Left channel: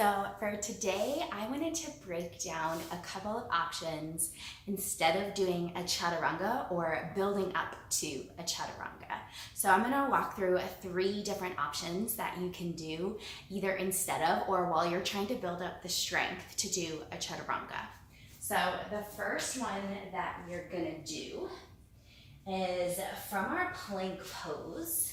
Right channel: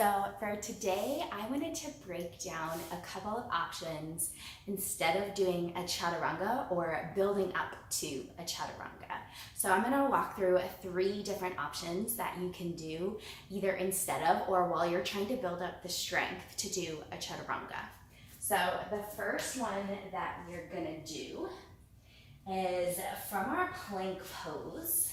So for today, I wanted to break down a couple of options instead of doing a chaturanga or building up to a chaturanga. So I'm gonna walk through 3 different options that you can do either instead of or while you're trying to build up the strength to do a chaturanga. So the first one that we're gonna do is from our plank pose.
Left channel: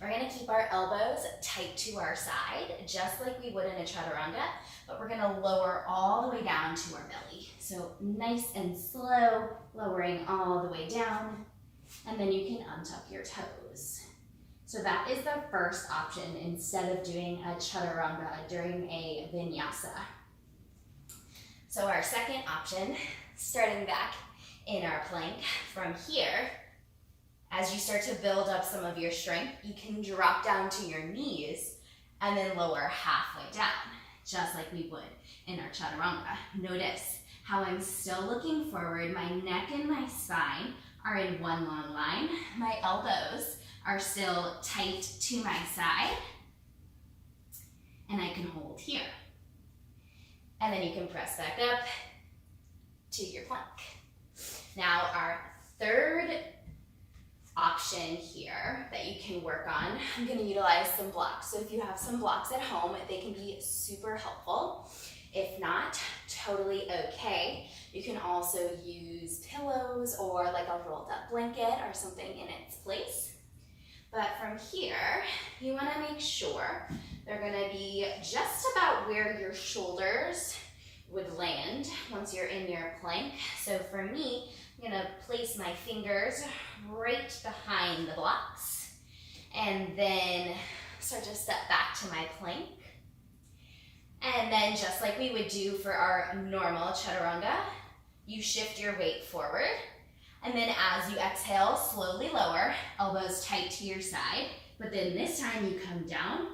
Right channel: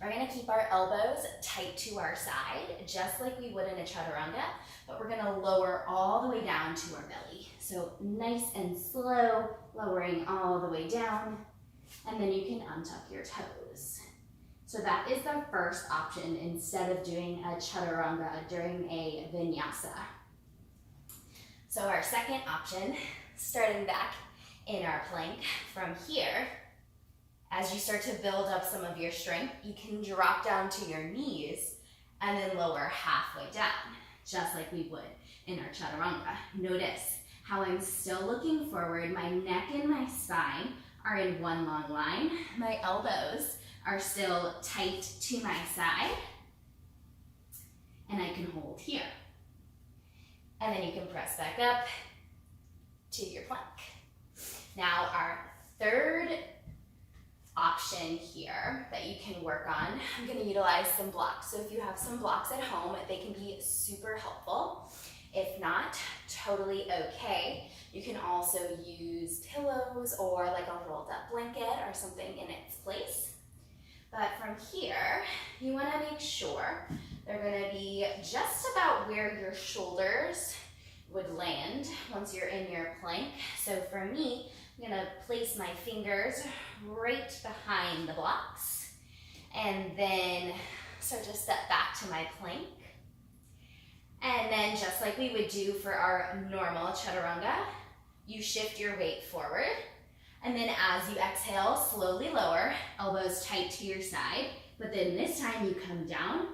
We're gonna keep our elbows tight to our side, just like we would in a chaturanga, but we're gonna lower all the way down to our belly. So nice and slow, lowering all the way down, and then you can untuck your toes. So that is the first option instead of doing a chaturanga during a vinyasa. So our second option, starting back in our plank from here, as you start to build up some of your strength, you can drop down to your knees and then lower halfway down, just like we would in our chaturanga. Notice how I'm still looking forward. My neck and my spine are in one long line. My elbows are still tight to my side, and I can hold here. And then you can press back up to your plank. Now our third option here that you can work on, I'm going to utilize some blocks. So if you have some blocks at home, they can be super helpful. If not, totally okay. You can also use pillows or like a rolled up blanket or something in its place. But from here, you want to make sure they're going to be just about where your shoulders would land once you're in your plank. So for me, I'm going to place my fingers right behind the blocks and then start to step back to my plank. And then just like we would do for our normal chaturanga, you shift your weight forward. And then as you exhale, slowly lower, elbows tight to your side. But then this time you come down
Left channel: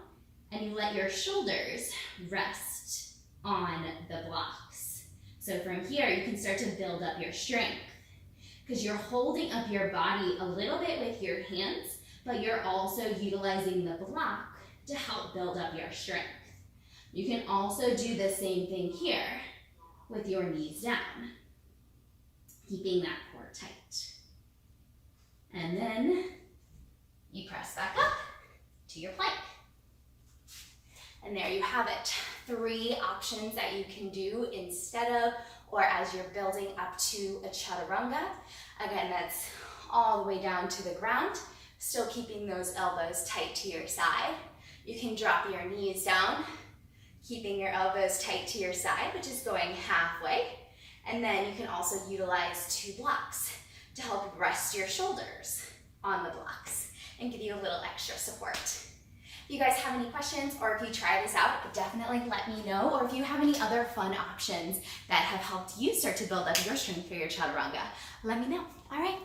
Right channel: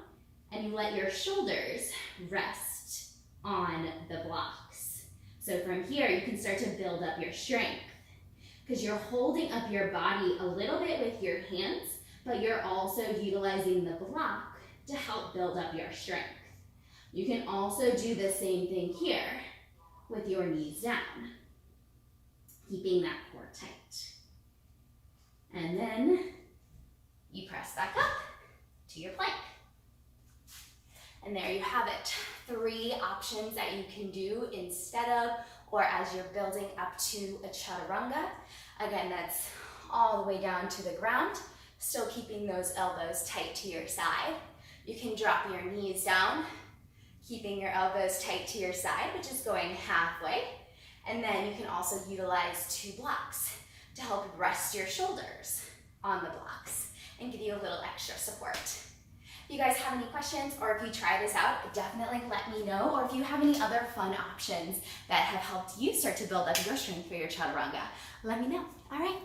and you let your shoulders rest on the blocks. So from here, you can start to build up your strength, because you're holding up your body a little bit with your hands, but you're also utilizing the block to help build up your strength. You can also do the same thing here with your knees down, keeping that core tight. And then you press back up to your plank. And there you have it. 3 options that you can do instead of or as you're building up to a chaturanga. Again, that's all the way down to the ground, still keeping those elbows tight to your side. You can drop your knees down, keeping your elbows tight to your side, which is going halfway. And then you can also utilize 2 blocks to help rest your shoulders on the blocks and give you a little extra support. If you guys have any questions or if you try this out, definitely let me know. Or if you have any other fun options that have helped you start to build up your strength for your chaturanga, let me know. All right.